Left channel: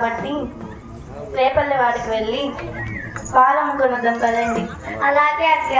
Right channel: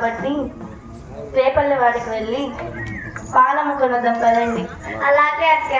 కాబట్టి రేపల్లి వాడికి వెళ్ళి పాలు అమ్ముకున్నద్దాం కదండి అలాగే అక్క.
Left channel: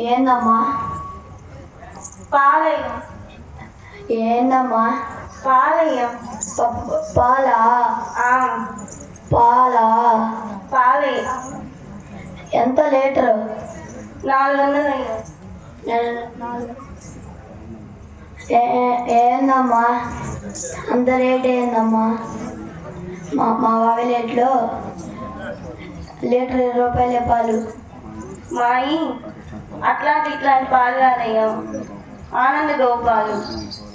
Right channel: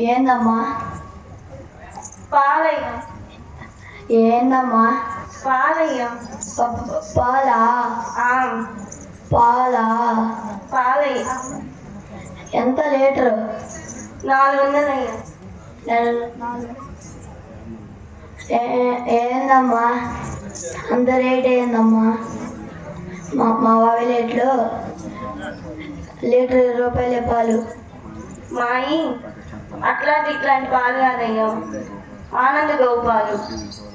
ఏందమ్మా? పాలయ్య. ఏందమ్మా? పాలయ్య. పాలా? ఆ, పాలా? పాలయ్య. ఎంత లీటరు? నాలుగు వందలు ఏందమ్మా? అంత రేట్ ఏందమ్మా? మా మా వావిలేట్లో లీటర్? ఇరవై రూపాయలే పాలు. మాయి. అట్లాంటి ఇట్లాంటి పాలు కాదయ్యా ఆనంద గోపాలు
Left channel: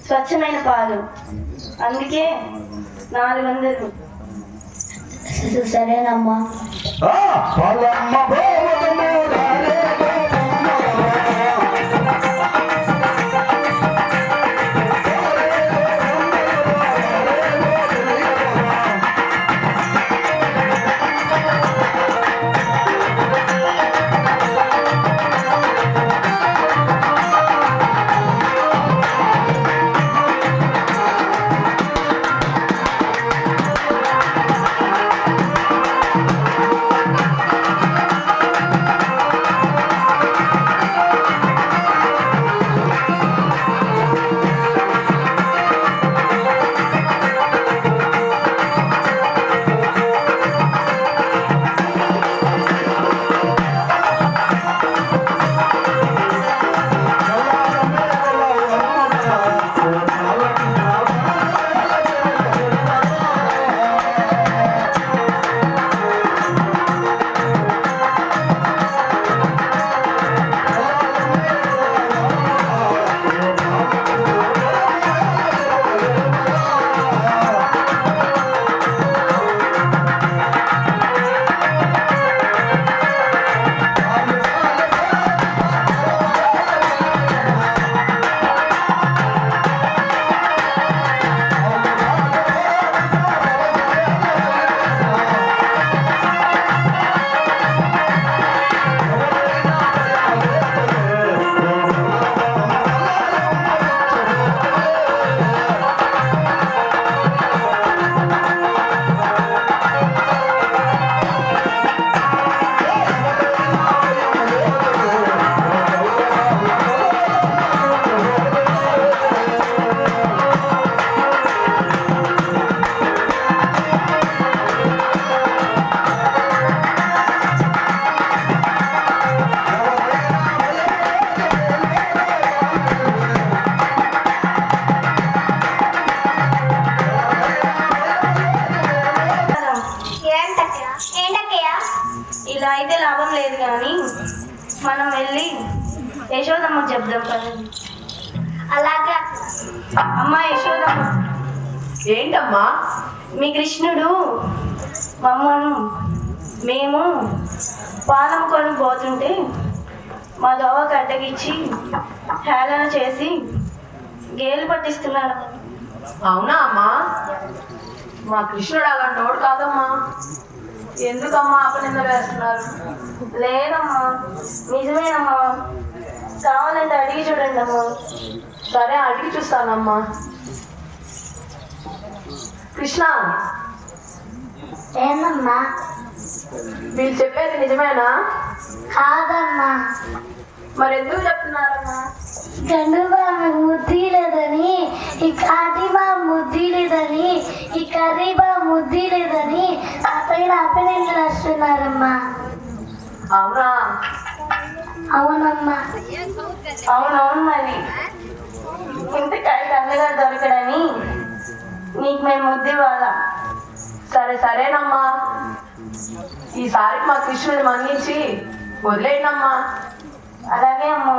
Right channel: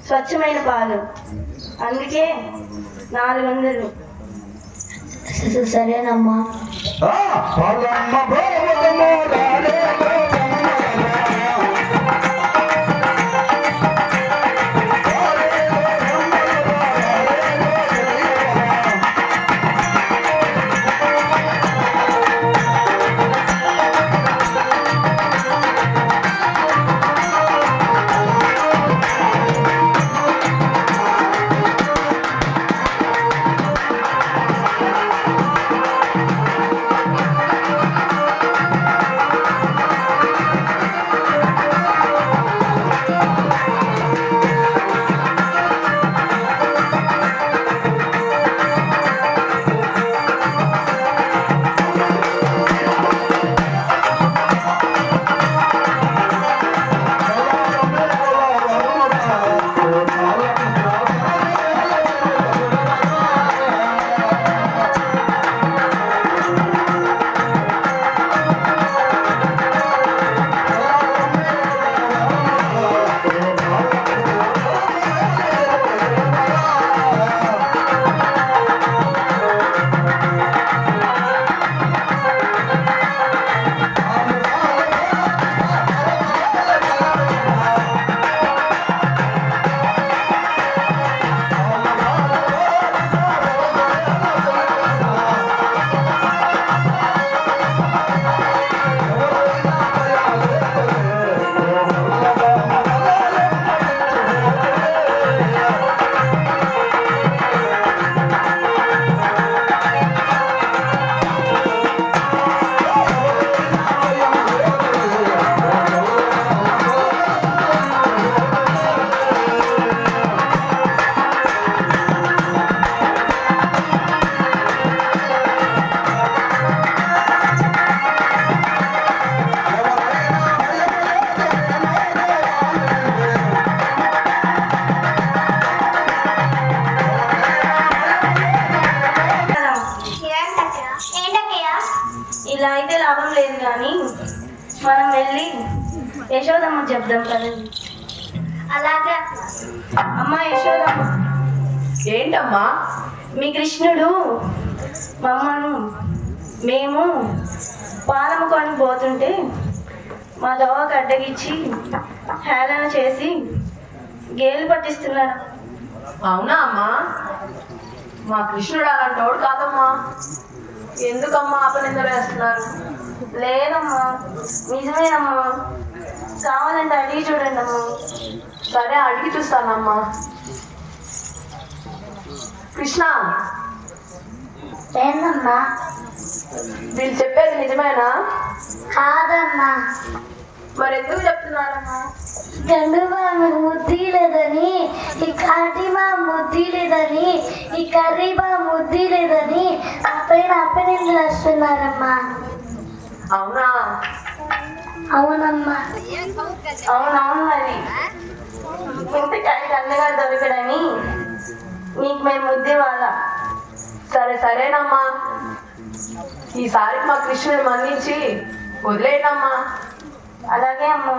స్వచ్ఛమైన పాలు. అందుకే నాలుగు వందలు. సరేనమ్మా. మేము పాలము కొని పోతుంటే మా దోవ కడ్డగిచ్చి హేళన చేసి గేలు పట్టిస్తున్నాడు అవునా అమ్మా? మా కృష్ణుడు అలాంటోడు కాదమ్మా. ఎందుకమ్మా అపనింద వేస్తున్నారు? లేదమ్మా నిజమేనమ్మా. కావాలంటే అడిగి చూడండి అమ్మా. సరే అడిగి చూస్తానమ్మా. కృష్ణ? ఏందమ్మా? వీళ్ళు చెప్పేది నిజమేనా? కాదమ్మా. మరి ఎందుకు చెప్తున్నారమ్మా ముద్ది లేదని ఈ కాటిబా ముద్ది లేదని ఈ కర్రీబా ముద్ది లేదని అపైన అపనిందులు వస్తున్నారమ్మా అవునా? అవునమ్మా. అవునవును మరి. ఇంతకాయకి అన్నగా దొరకడని నీకు మేము ముద్దు వాళ్ళ సరే సరేనమ్మా. ఈసారి మా కృష్ణుని మన్నించి వదిలేయనమ్మా అలాగే అమ్మా.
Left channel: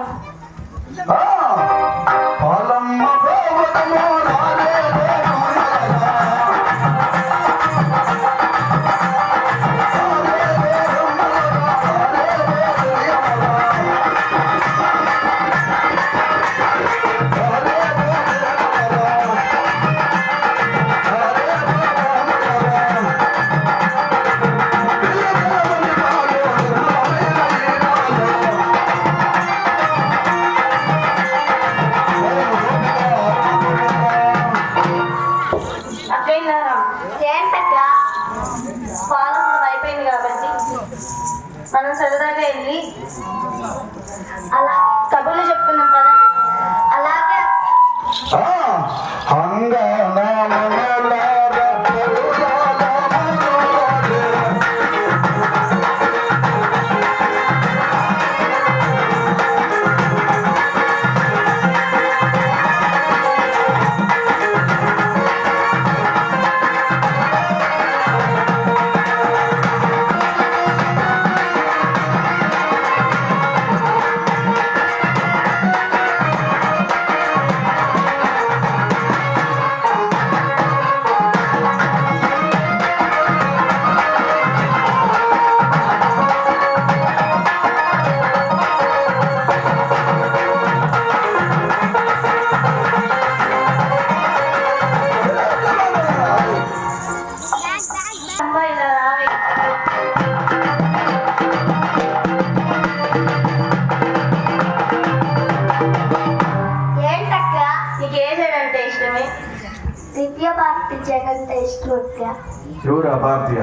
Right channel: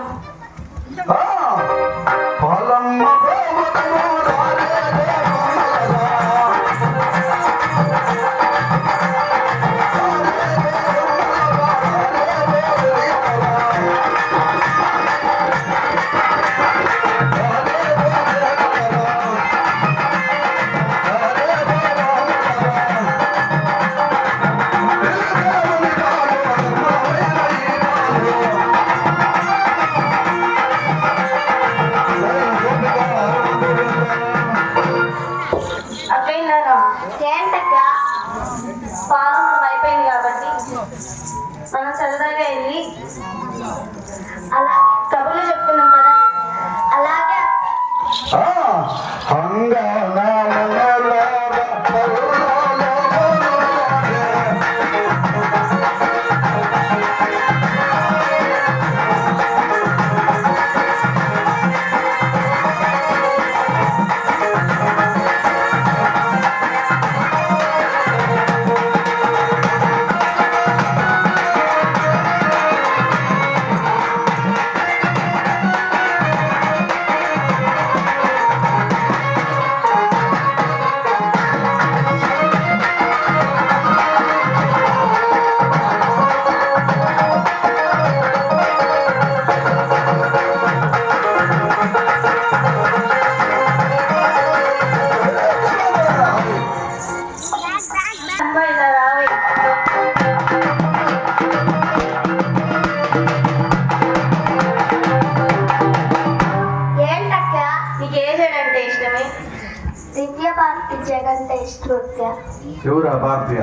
భారతీయ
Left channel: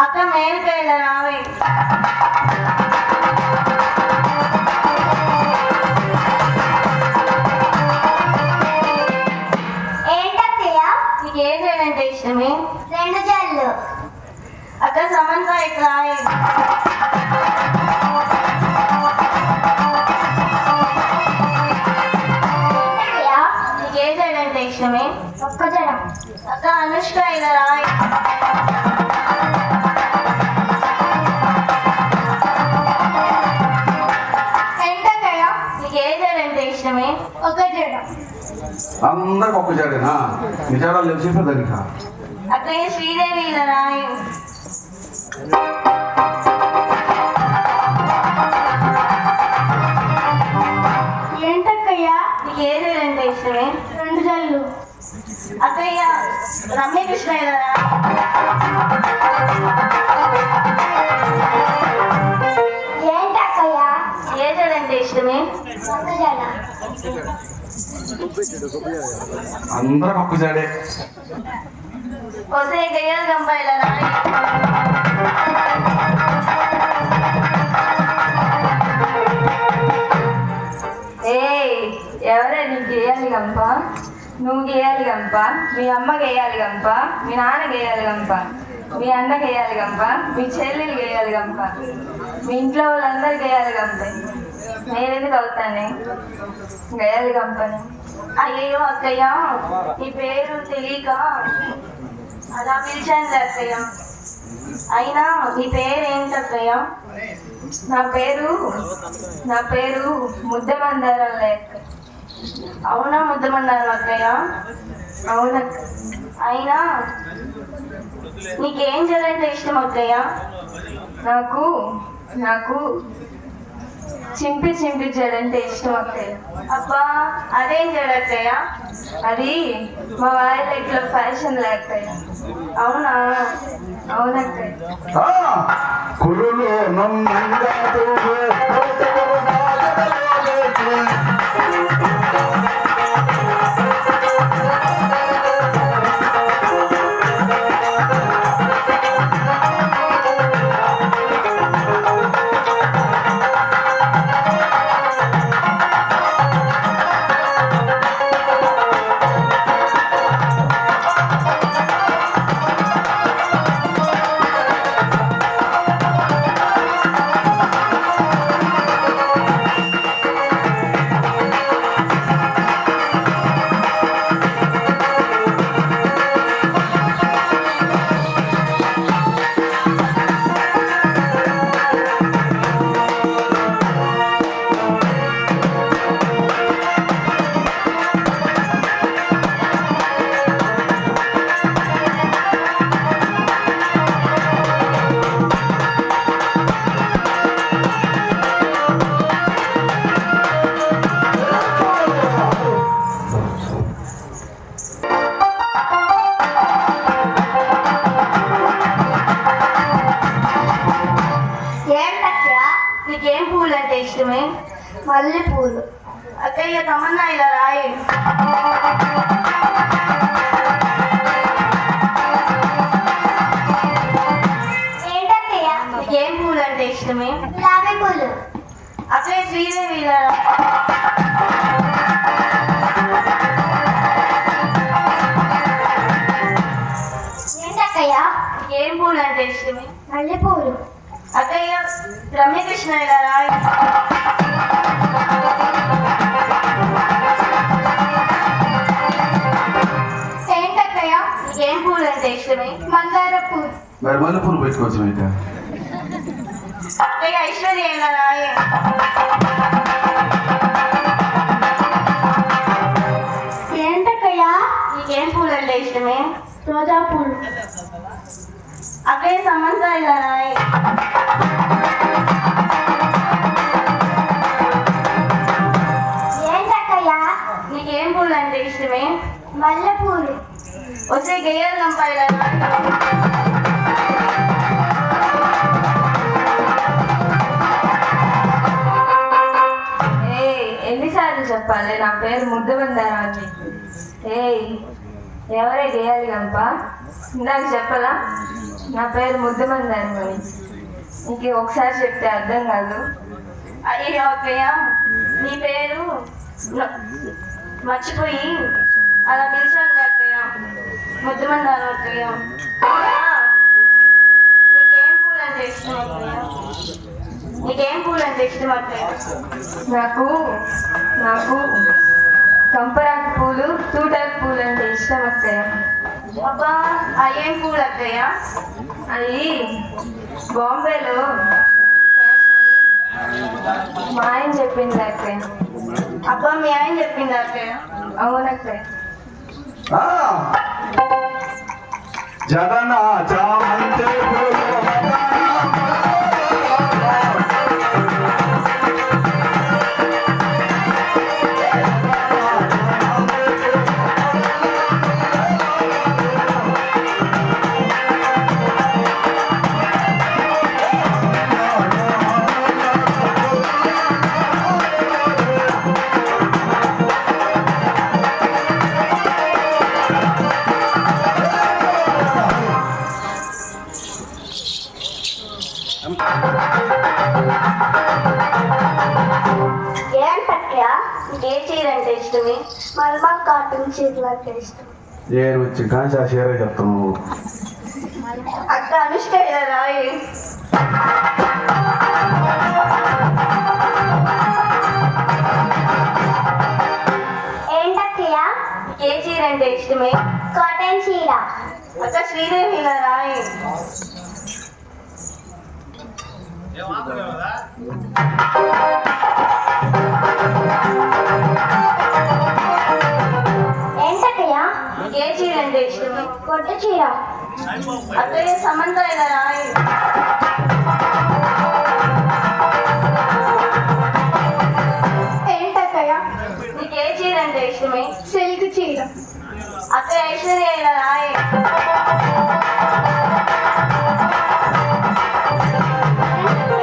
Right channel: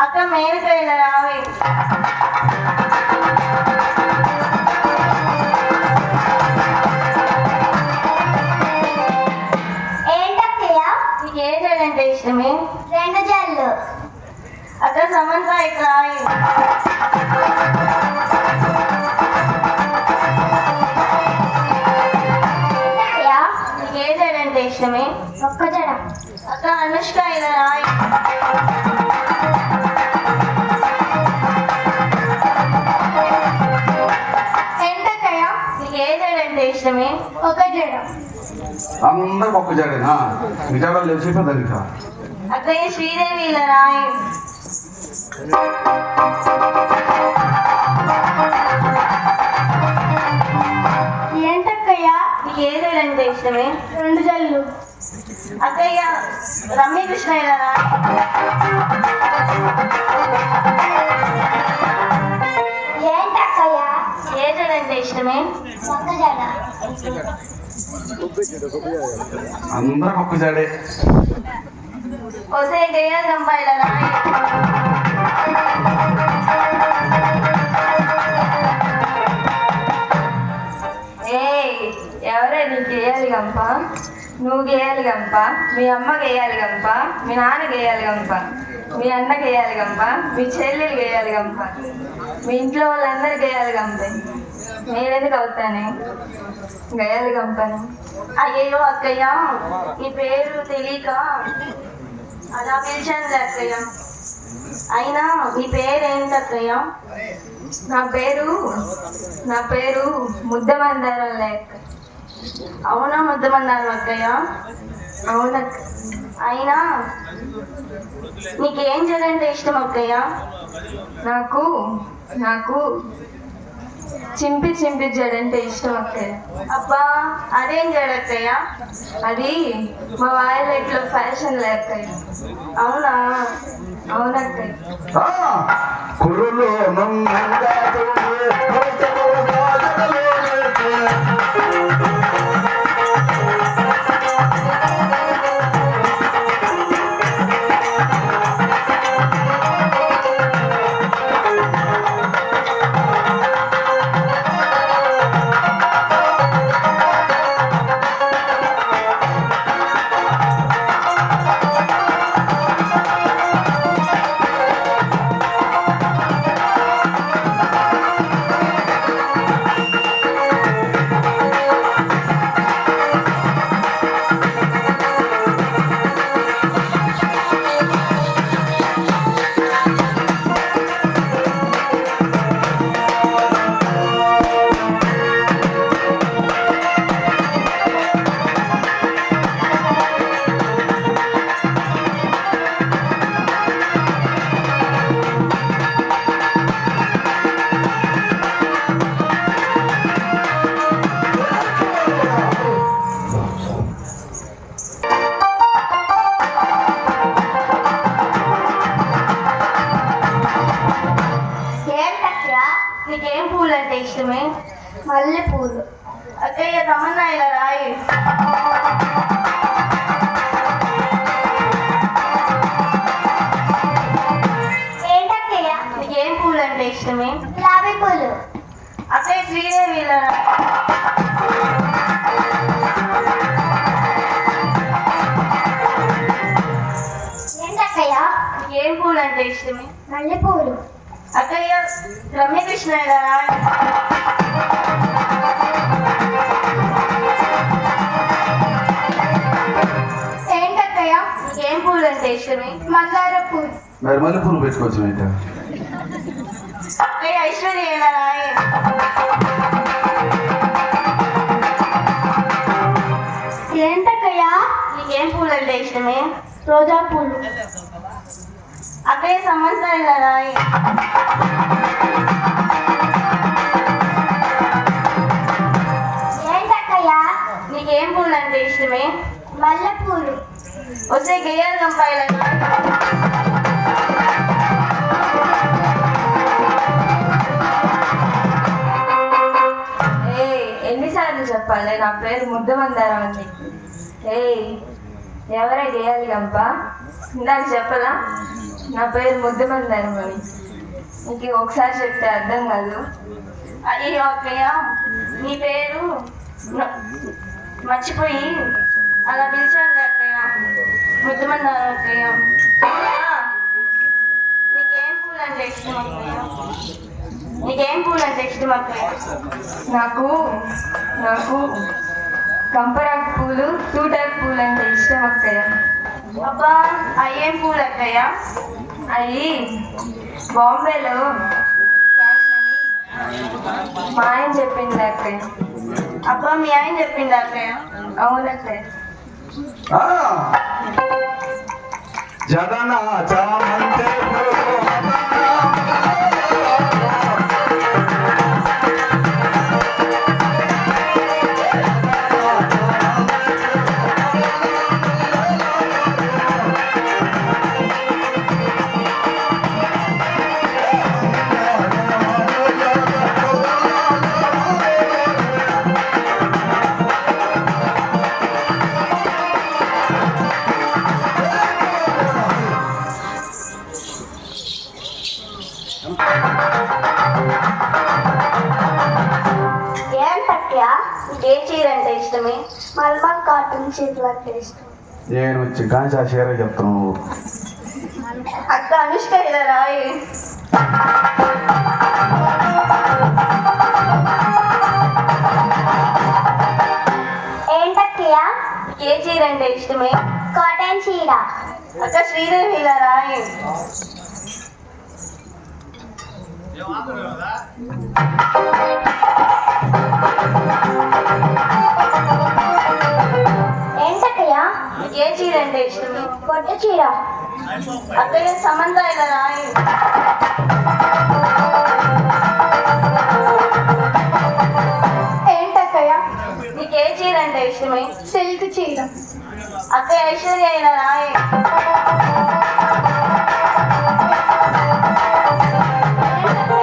అక్క మేలుక ఇలా రావే. ఏంటక్కయ్య? ఇష్టమే? రెండు జల్లు అక్కడ సమంత ఇక్కడ అందరికి ఒక్క జాడేనా? తెలిసిపోతుంది ఇక. అక్కయ్య శ్రీదేవి రాయ్. ఏంటక్కయ్య? నీకు ఏ సైడ్ అంటే ఇష్టమే? రెండు జల్లు అక్కయ్య రమ్యకృష్ణ ఇలా రాయ్ ఏంటక్కయ్య ఏ సైడ్ అంటే ఇష్టమే? జడ అందరికి ఒక్క జాడే కొసే గయ్యాలి రాయ్ ఏయ్ ఎవరే నీకు గేయాలి గంప? నువ్వు గేయాలి గంప మీ అమ్మ గేయాలి గంప మీ నాన్న గేయాలి గంప మీ అన్న గేయాలి గంప మీ చెల్లెలు గేయాలి గంప. మీ ఇంట్లో వాళ్ళందరూ గేయాలి గంపే. మీరెందుకు అవుతానే? గేయాలి గంపని. అయ్యో అక్కయ్య ఈ పేరు తెలియక అలా పిలిచాను అక్కయ్య. అయినా నీ పేరేంటి అక్కయ్య? నా పేరు నా పేరు ముద్దమందారం లేక అవునా ముద్దమన్నారు అక్కయ్య? అవునక్క అయినా నీకేం చేయాలంటే ఇష్టం అక్కయ్య? నాకు నాకు చింపి చింపి జడంటే ఇష్టం అక్కయ్య. అబ్బా అదేం చేయడక్కయ్య అది మా వాయిలెట్లో ఫ్యాషన్ లేకయ్య అవునా? అవునక్కయ్య మల్లెపూలు అక్కయ్య పూలు మరి మల్లెపూలు పెట్టుకోవచ్చు అయితే అక్కయ్య ఐశ్వర్య ఇలా రాయి. ఏంటక్కయ్య నీకేం పూలు అంటే ఇష్టమే రోజా పూలు అక్కయ్య సమంత ఇలా రాయి. ఏంటక్కయ్య నీకేం పూలు అంటే ఇష్టమే మల్లెపూలు వస్తే గేయాల దుంప ఎవరే చేయాలి గంప ఇందాక చెప్పలా? నా పేరు ముద్దుమంది అని నీకు ఒకసారి చెప్తే అర్థం కాదు. అయ్యో అక్కయ్య నీ పేరు మర్చిపోయి అలా పిలిచాను అక్కయ్య. ముద్దుమన్నారు అక్కయ్య. నీకేం పూలు అంటే ఇష్టం అక్కయ్య? నీకేం పూలు అంటే ఇష్టం అక్కయ్య? నాకు నాకు కంపరాకు పూలు తూటాకు పూలు అంటే ఇష్టం అక్కయ్య. అబ్బా ఏం పూలు అక్కయ్య? అవి బాంబేలో మా ఆయన చెప్పింది అక్కయ్య. అబ్బా మీ ఆయన చెప్పింది అక్కయ్య? అవునక్కయ్య జడన చామంతి పూలు నేను వచ్చి కాంచా చీర చెప్తాను అక్క అనుష్క రాయి. ఏంటక్కయ్య? ఏ చీర అంటే ఇష్టమే? కాటన్ చీర. అక్క శ్రీదేవి ఇలా రాయి. ఏంటక్కయ్య చీర అంటే ఇష్టమే కొత్త చీర అక్కయ్య సమంత ఇలా ఏంటక్కయ్య? నీకు ఏ చీర అంటే ఇష్టమే? సిల్క్ చీర. అక్కయ్య ఐశ్వర్య ఇలా రాయి. నీకు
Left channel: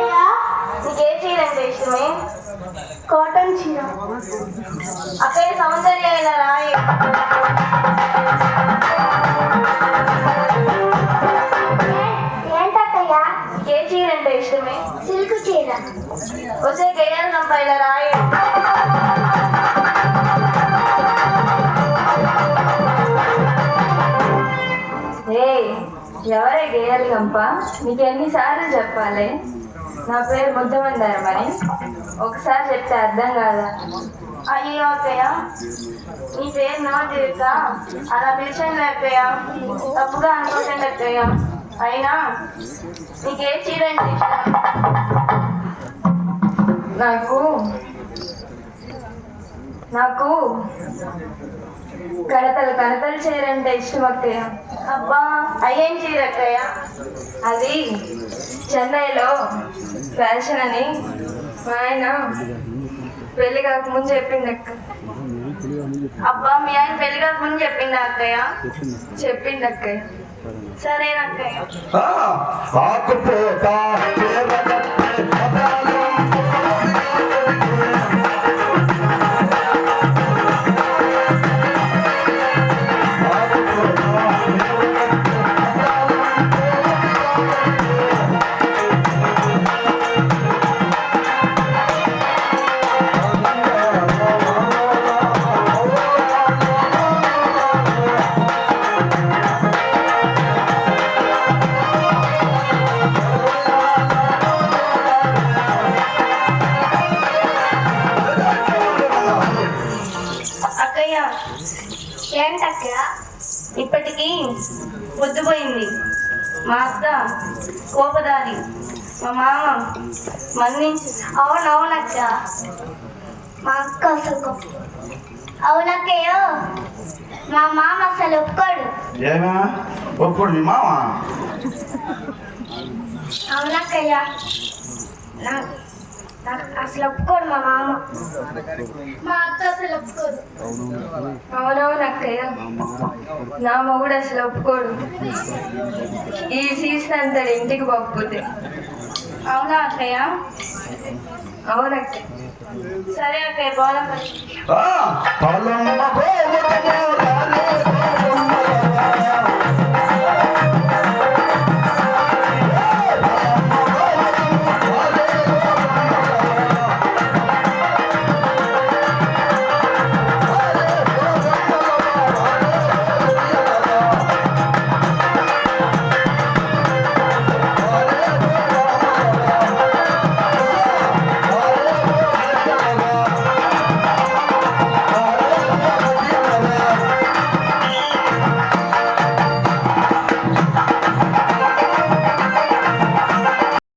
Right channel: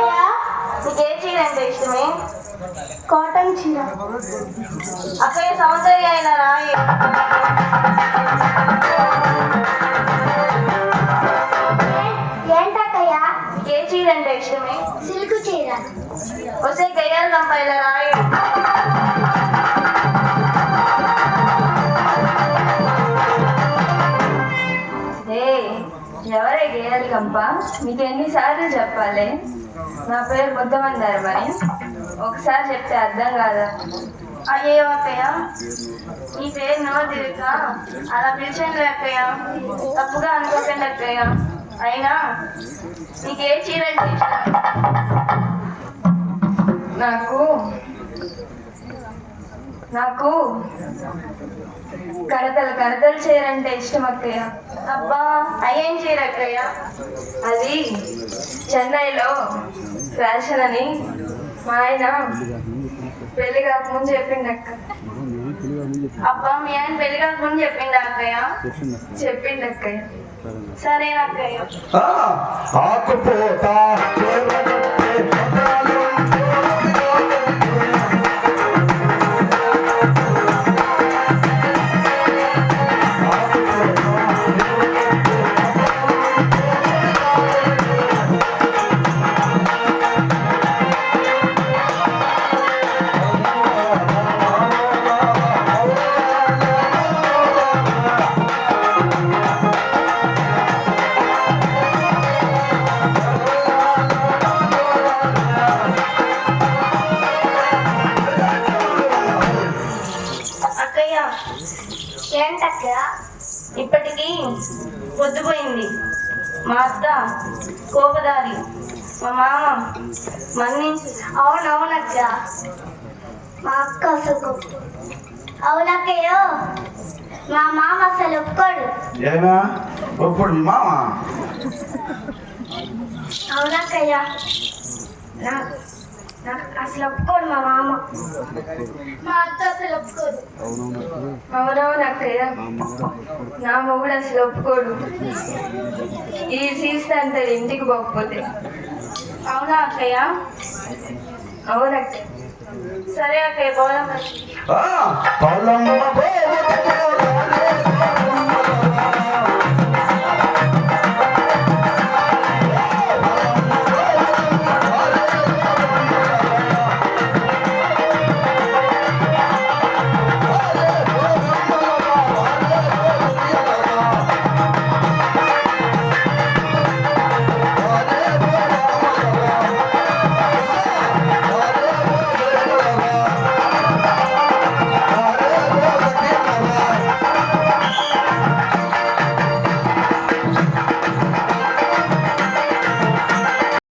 ఏ చీర అంటే ఇష్టమే? కాటన్ చీర. రాయి. ఏంటక్కయ్య ఏ అంటే ఇష్టమే? సిల్క్ చీర. వస్తే గయ్యాల రంప ఇలా రాయి ఎవరే గేయాలి గంప మీకు ఎన్నిసార్లు చెప్పాలి? నా పేరు ముద్దమందారు మరి. ఒకసారి చెప్తే అర్థం కాదా అయ్యో అక్కయ్య నీ పేరు నో తీరుక అలా పిలిచండి అక్కయ్య తప్పుగా అనుకోకండి అక్కయ్య అయినా నీకే చీర అంటే నాకు నాకు కడతలు కడతలు చీరంటే ఇష్టం అక్కయ్య అబ్బా అయ్యేం చీర అక్కయ్య అది చెన్నైలో ఫ్యాషన్ అని మా ఆయన పెళ్ళి కాకముందు చెప్పింది అక్క. అబ్బా మీ ఆయన పెళ్ళి కాకముందు చెప్పింది అక్కయ్య చెప్పింది అక్కయ్య సరే అక్కయ్య అత్త కోపదారి. మా మామ మన్నించు. అవునవునక్క. మా అక్క అసలు అవునక్కయ్య మా మామ అసలు ఒప్పుకోడు. ఏమా? ఒప్పుడు మీ మామ? అవునక్కయ్య. అసలు ఒప్పుకోడు మా మామ. మా అత్త అసలు ఒప్పుకోదు. అవునవును అక్కయ్య. నా మొగుడు అసలు ఒప్పుకోడు. ఈ సీజన్ అంటాడు ఇంటికి పోకపోతే. అవునా అక్కయ్య? అవునక్కయ్య. సరే అక్కయ్య పోదాం